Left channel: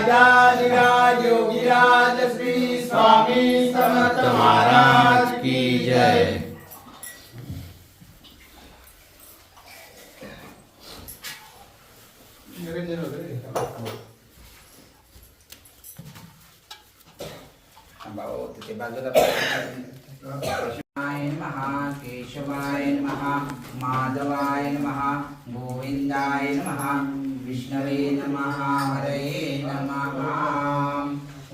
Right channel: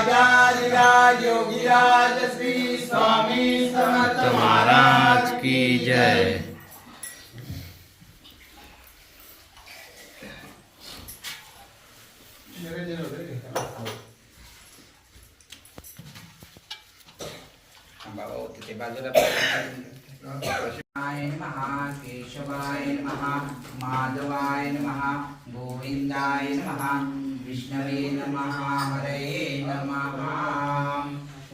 राजाधिराज योगीराज श्री स्वामी समर्थ महाराज की जय। केशवाय नमः माधवाय नमः गोविंदाय नमः विष्णवे नमः हरये नमः।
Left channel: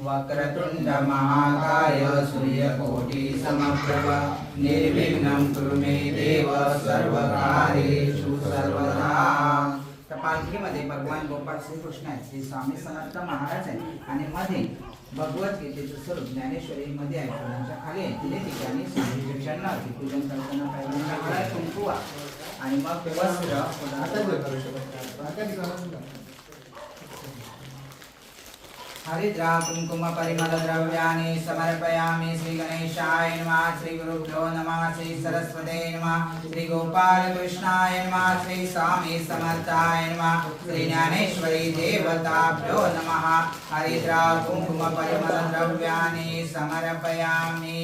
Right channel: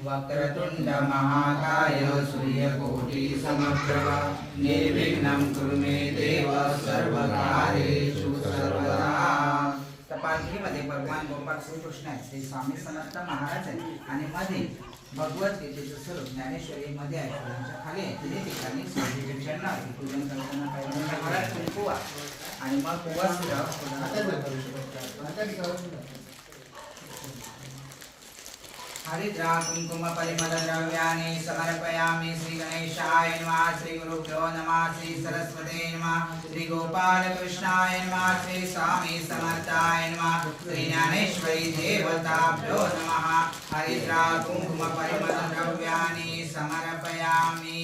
वक्रतुंड महाकाय सूर्यकोटि समप्रभ निर्विघ्नं कुरु मे देव सर्वकार्येषु सर्वदा। पालखीमध्ये भगवान गोपाळ श्रीकृष्ण आहेत, श्री स्वामी समर्थ महाराज आहेत आणि मध्ये भगवद्गीतेचं स्वरूप ज्ञानेश्वरी मध्ये आहे. फुलांच्या खाली आहे तिथे ठिकाणी स्वामीचे चरणावरती पूजन करताना काही कुंकू आणि मग हरिद्रा कुंकुम परिमल द्रव्याणि समर्पयामि श्री गणेशाय नमः श्री गुरुभ्यो नमः श्री सरस्वते नमः श्री गोपाल कृष्णाय नमः श्री स्वामी समर्थाय नमः श्री ज्ञानेश्वरी देवताभ्यो नमः। हरिद्रा कुंकुम परिमल द्रव्याणि समर्पयामि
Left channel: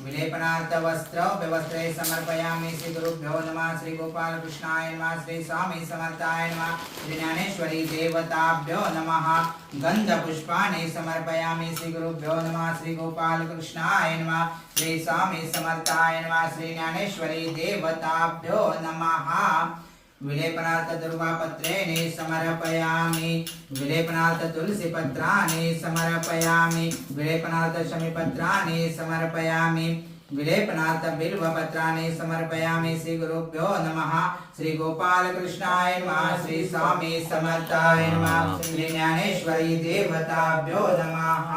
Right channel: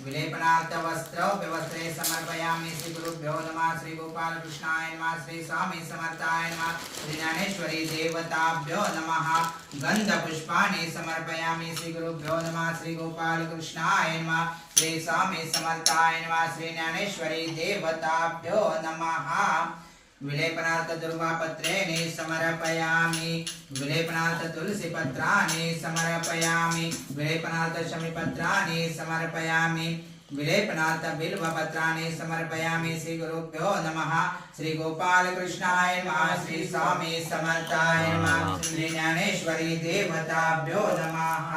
विलेपनार्थ वस्त्र व्यवस्त्रे समर्पयामि श्री गुरुभ्यो नमः श्री गोपाल कृष्णाय नमः श्री स्वामी समर्थाय नमः श्री ज्ञानेश्वरी देवताभ्यो नमः। गंध पुष्पाणि समर्पयामि श्री गुरुभ्यो नमः श्री गोपाल कृष्णाय नमः श्री स्वामी समर्थाय नमः श्री ज्ञानेश्वरी देवताभ्यो नमः। विलेपनार्थ दुर्वापत्रेणि समर्पयामि विलेपनार्थ तुलसी पत्राणि समर्पयामि विलेपनार्थ शमीपत्राणि समर्पयामि विलेपनार्थ बिल्वपत्राणि समर्पयामि श्री गुरुभ्यो नमः श्री गोपाल कृष्णाय नमः श्री स्वामी समर्थाय नमः श्री ज्ञानेश्वरी देवताभ्यो नमः।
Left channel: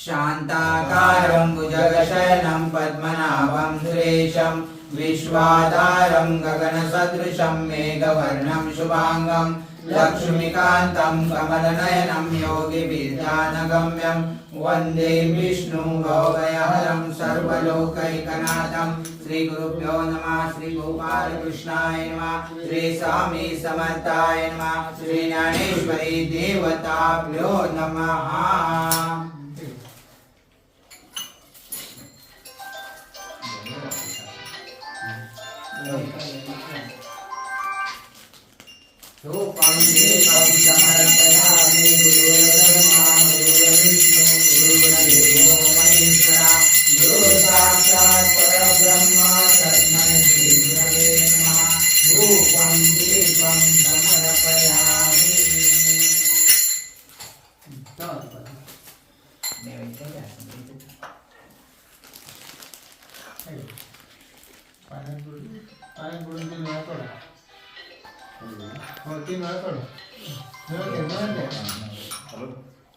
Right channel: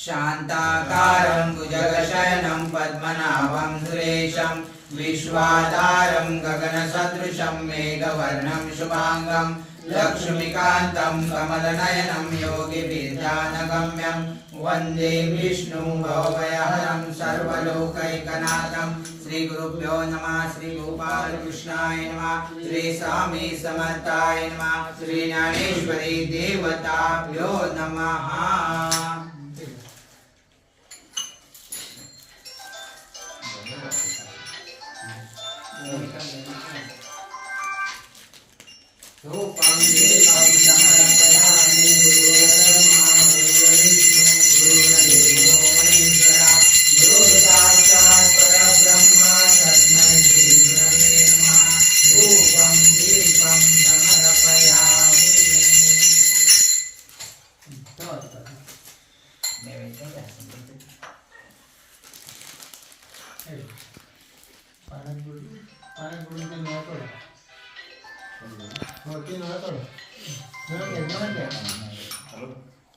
शान्ताकारं भुजगशयनं पद्मनाभं सुरेशं विश्वाधारं गगनसदृशं मेघवर्णं शुभांगं लक्ष्मीकान्तं कमलनयनं योगिभिर्ध्यानगम्यं वन्दे विष्णु भवभयहरं सर्वलोकैकनाथं। श्री गुरुभ्यो नमः श्री गोपाल कृष्णाय नमः श्री स्वामी समर्थाय नमः श्री ज्ञानेश्वरी देवताभ्यो नमः। रूपं देवं समर्पयामि गुरुर्ब्रह्मा गुरुर्विष्णु गुरुर्देवो महेश्वरः गुरुर्साक्षात् परब्रह्म तस्मै श्री गुरवे नमः। रूपं देवं समर्पयामि।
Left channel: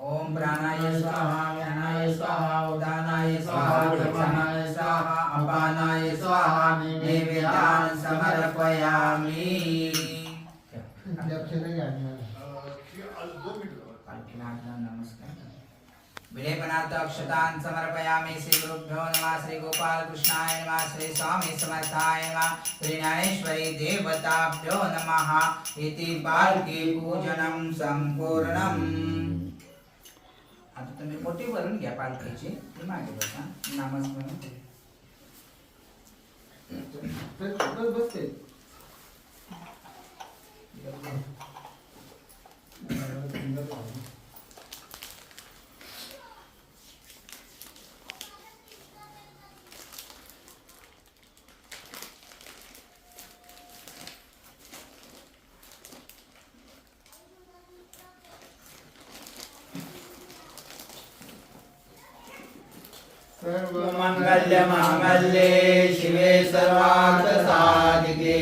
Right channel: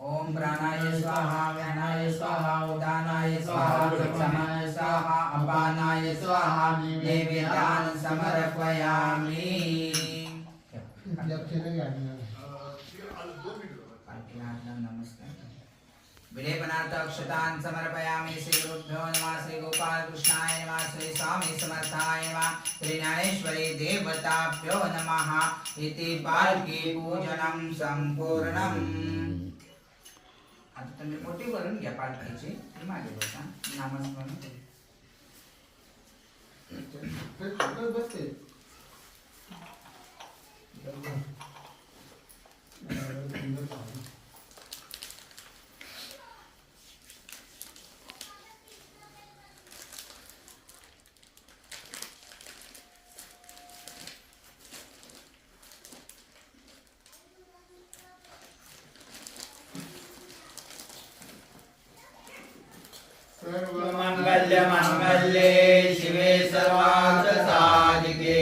ओम प्राणाय स्वाहा व्यानाय स्वाहा उदानाय स्वाहा समानाय स्वाहा अपानाय स्वाहा नैवेद्यान् समर्पयामि। नमस्कार। विलेपनार्थ अक्षतान् समर्पयामि श्री गुरुभ्यो नमः श्री गोपाल कृष्णाय नमः श्री स्वामी समर्थाय नमः श्री ज्ञानेश्वरी देवताभ्यो नमः। इति पालकी पूजनं संपूर्णम्। आता तुम्ही मोठी भरून घ्या पालखीची, ती मागे बसा नामस्मरण। मंगल्य मांगल्ये शिवे सर्वार्थ साधिके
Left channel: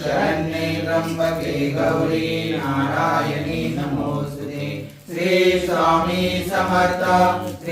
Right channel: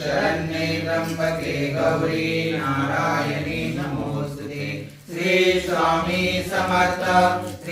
शरण्ये त्र्यंबके गौरी नारायणी नमोस्तुते। श्री स्वामी समर्थ श्री